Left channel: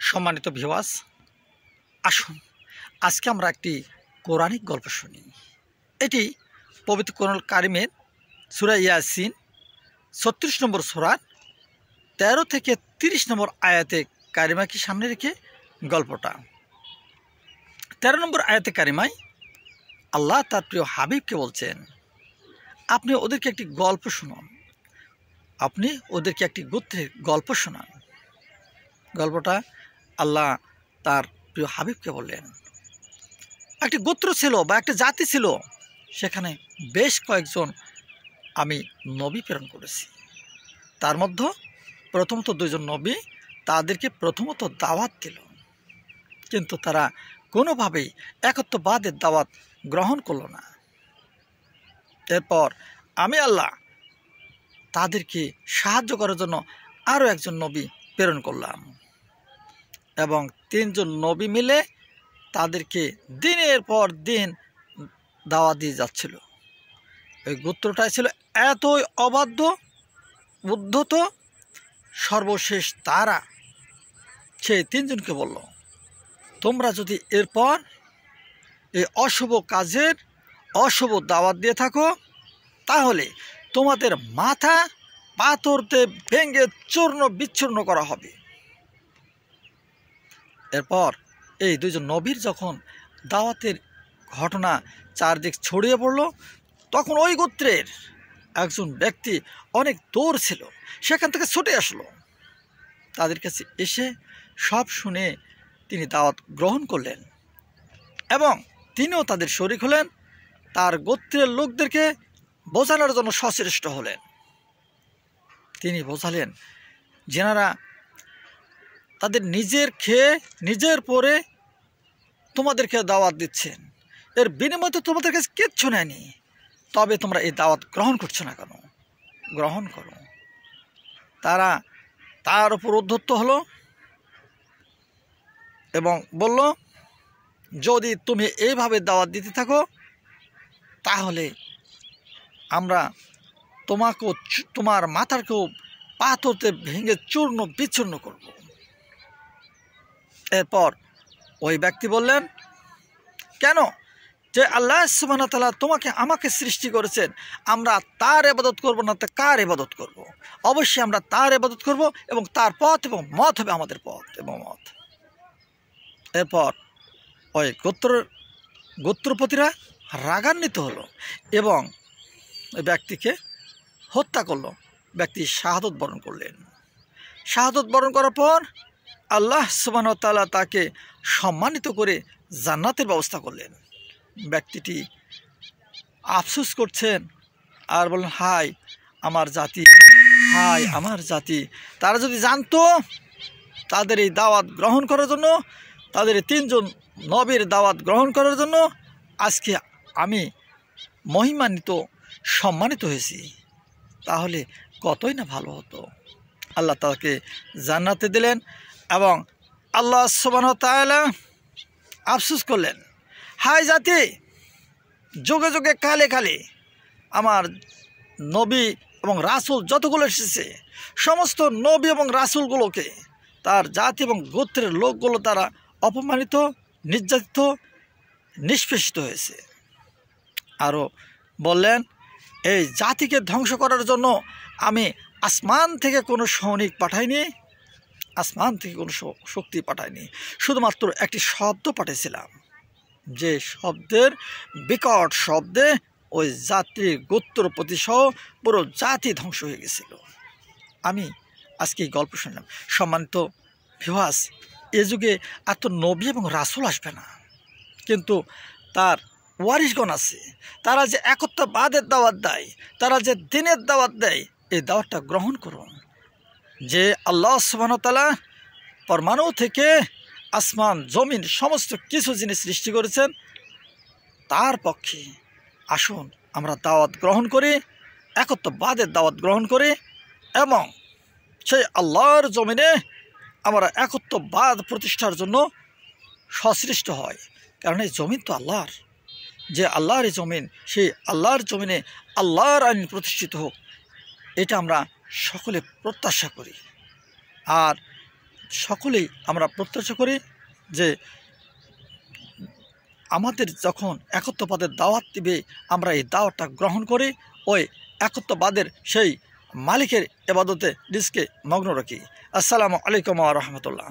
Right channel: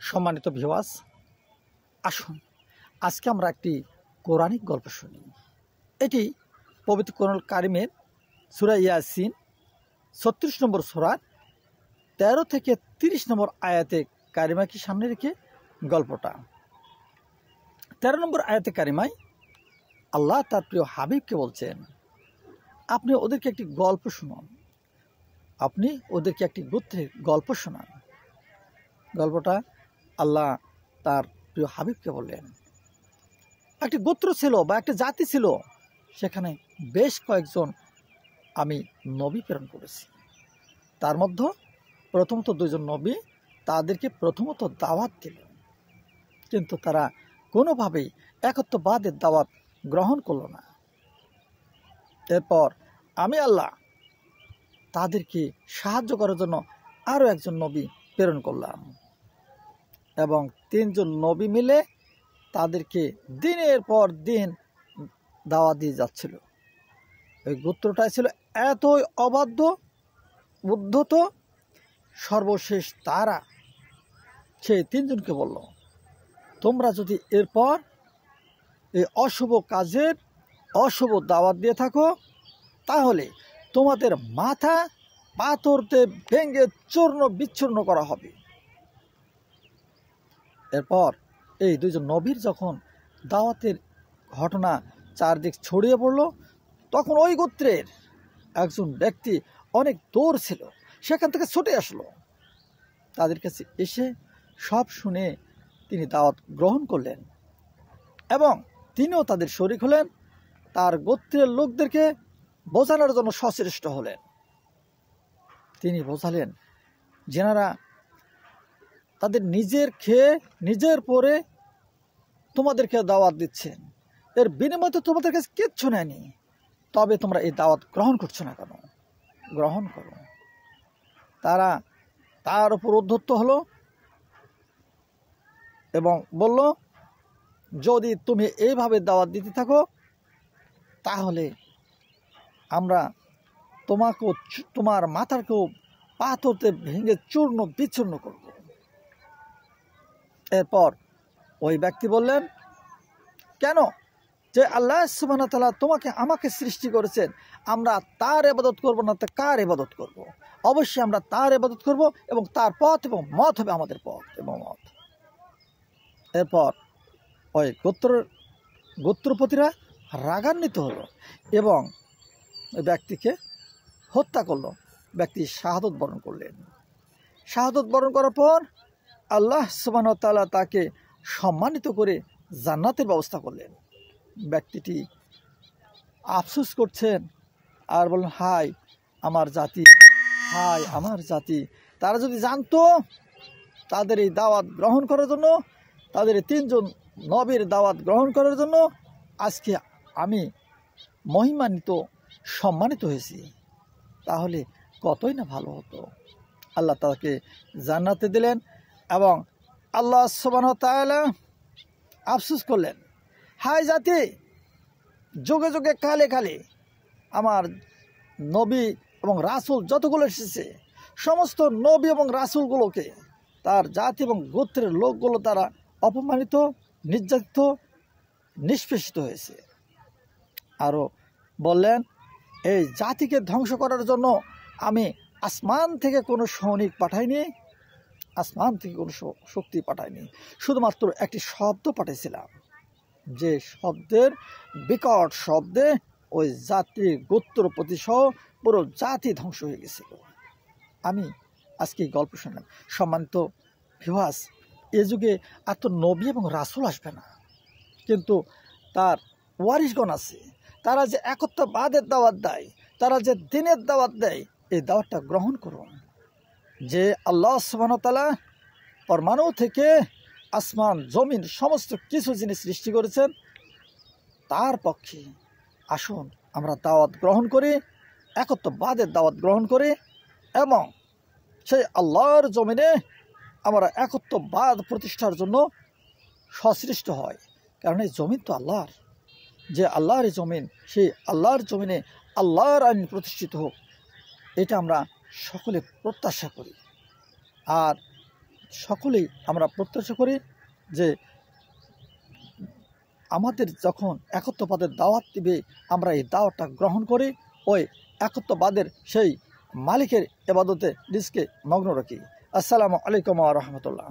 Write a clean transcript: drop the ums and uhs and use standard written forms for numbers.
সম্মানিত ভিউয়ার্স, আসুন আজকে আমরা একটি কোরআনিক গল্প শুনি। এটি পবিত্র কোরআনুল কারিমের সূরা ইয়াসিন ৩৬ নম্বর সূরার ১৩ থেকে ৩০ নম্বর আয়াতে কারিমাকে সামনে রেখে গল্পটা। ১৩ নম্বর আয়াতে কারিমায় আল্লাহ তার প্রিয় হাবিবকে বলছেন, আপনি ওদেরকে একটি গল্প শুনুন, আপনি ওদেরকে একটি গোত্রের গল্প শোনান। গল্পটা আল্লাহ তার প্রিয় হাবিবকে বললেন। একটি গোত্র ছিল বা একটা জাতি ছিল, সেখানে বেশ কয়েকজন আমি নবী প্রেরণ করেছি। তার মধ্যে প্রথমত ২ জন নবী তাদেরকে প্রথমত দাওয়াত দিল, কিন্তু তারা কোনোভাবেই একত্ববাদের দাওয়াত গ্রহণ করল না। এরপর আমি আল্লাহ তাদেরকে সাহায্য করার জন্য আরও একজন নবী প্রেরণ করলাম এবং ৩ জন নবী মিলে তাদেরকে দিনের পর দিন দাওয়াত দিয়ে যাচ্ছিল। ওই গোত্রটাই ছিল এতই অবাধ্য, উদ্ধত, সর্বশেষ তারা সেই ৩ জনকে বলল, তোমরা যদি এরপর এই অশুভ কাজের অশুভ দাওয়াত দিয়ে থাকো, তাহলে তোমাদের মাথা পাথরতে ভেঙে চূর্ণ বিচ্ছূর্ণ করা হবে। এরপর এই ২ জন নবীর যখন দাওয়াতের ঘটনা চারদিক ছড়িয়ে পড়ল, তখন ওই গোত্রের একজন ব্যক্তি অনেক দূর ছিল, সেখান থেকে ছুটে আসলো। তাদের কাছে এসে সব শুনে তিনি দাওয়াত গ্রহণ করলেন এবং তিনিও তাদের শরীক হলেন। তার গোত্রের লোকদেরকে বোঝানোর জন্য সচেষ্ট হলেন। তিনি বোঝালেন, যেনারা তাদের নিজের খেয়ে নিজের পরে তোমাদেরকে দাওয়াত দিচ্ছেন, এর বিনিময়ে তো তোমাদের কাছে কিচ্ছু নেয়নি, তবে তোমরা এই দাওয়াত গ্রহণ করছো না কেন? গ্রহণ করো। তারা তার উপর উদ্ধত হলো এবং বলল, যদি তুমি এইভাবে দাওয়াত দিতে থাকো, তাহলে আমরা তোমাকেও, তোমার মাথাকেও পাথরতে ভেঙে চূর্ণ বিচ্ছূর্ণ করব। এরপর ওই ব্যক্তি বললেন, কেন? যে আল্লাহ সুবহানাহু ওয়া তাআলা তোমাকে আমাকে সৃষ্টি করেছেন, আমরা তার ইবাদত করব না তো কার ইবাদত করব? অবশ্যই আমরা তার ইবাদত করব এবং তার পথ এবং মত হবে আমাদের পথ এবং মত। এরপর ওই গোত্রপতিরা রাগান্বিত হলো এবং ওই ব্যক্তিকে হত্যা করলো। ব্যক্তি শাহাদত বরণ করলেন। শাহাদত বরণ করার পর আল্লাহ সুবহানাহু ওয়া তাআলা তাকে সম্মানিত করে জান্নাতের ব্যবস্থা করলেন। ব্যক্তিটি আফসোস করছেন আর বললেন, হায় আমার জাতি, হায় আমার জাতি, তারা যদি জানতো তাদের এই দাওয়াত গ্রহণ করার জন্য, তাদের ৩ জন নবীর দাওয়াত গ্রহণ করার জন্য আজকে আমি মহিমান্বিত, সম্মানিত হয়েছি, তাহলে কতই না ভালো হতো। আল্লাহ তাকে জান্নাতে দিলেন এবং আল্লাহ সুবহানাহু ওয়া তাআলা আফসোস করলেন, হায় জাতি, যুগে যুগে কালে কালে আমার নবী এবং রাসূল যতগুলো এসেছে, সমস্ত নবী এবং রাসূলগুলোকে তার জাতি এবং গোত্রের লোকগুলো তারা অপমানিত, নির্যাতিত, নিষ্পেষিত হয়েছে। আরও বললেন, এই জাতিকে ধ্বংস করার জন্য আমি আসমান থেকে কোনো সৈনিক পাঠাইনি, আসমান থেকে কোনো শক্তি পাঠাইনি, শুধুমাত্র একটি শব্দ পাঠিয়েছিলাম, যে শব্দের বিকট শব্দে ওই জাতির গোত্রপতি সহ পুরো জাতি ধ্বংস হয়ে গেছিল। আমি আজকে এই গল্প শুনলাম। সম্মানিত ভিউয়ার্স, এ যুগে এত নবী এবং রাসূল আসবে না, কিন্তু তার ওয়ারিশগণ আছে, তারা যে একত্ববাদের দাওয়াত দেয়, তারা যে দিনের দাওয়াত দেয়, এই দাওয়াতটা গ্রহণ করুন। যে আল্লাহ সুবহানাহু ওয়া তাআলা পরমাণু থেকে আসমান জমিন সমস্ত কিছু জিনিস সৃষ্টি করেছেন, তার পক্ষে আসুন আমরা দাওয়াত গ্রহণ করি, একত্ববাদের দাওয়াত গ্রহণ করি এবং সেই আল্লাহর জমিনে আমরা একত্ববাদ প্রতিষ্ঠার জন্য সচেষ্ট হয়। কারণ এই জমিন তো আল্লাহর, যে আল্লাহর এই জমিন, সেই আল্লাহর জমিনে আল্লাহর আইন প্রতিষ্ঠিত হোক, এটা আমরা সকলে প্রত্যাশা করি। আর সকলেই আমরা প্রত্যাশা করি যে আমাদের যখন একত্ববাদের দাওয়াত দিবে আমরা এই দাওয়াতটা গ্রহণ করি, ওই একত্ববাদের সেই মালিকের ইবাদতে নিজকে মগ্ন রাখি। আসসালামু আলাইকুম ওয়া রাহমাতুল্লাহ।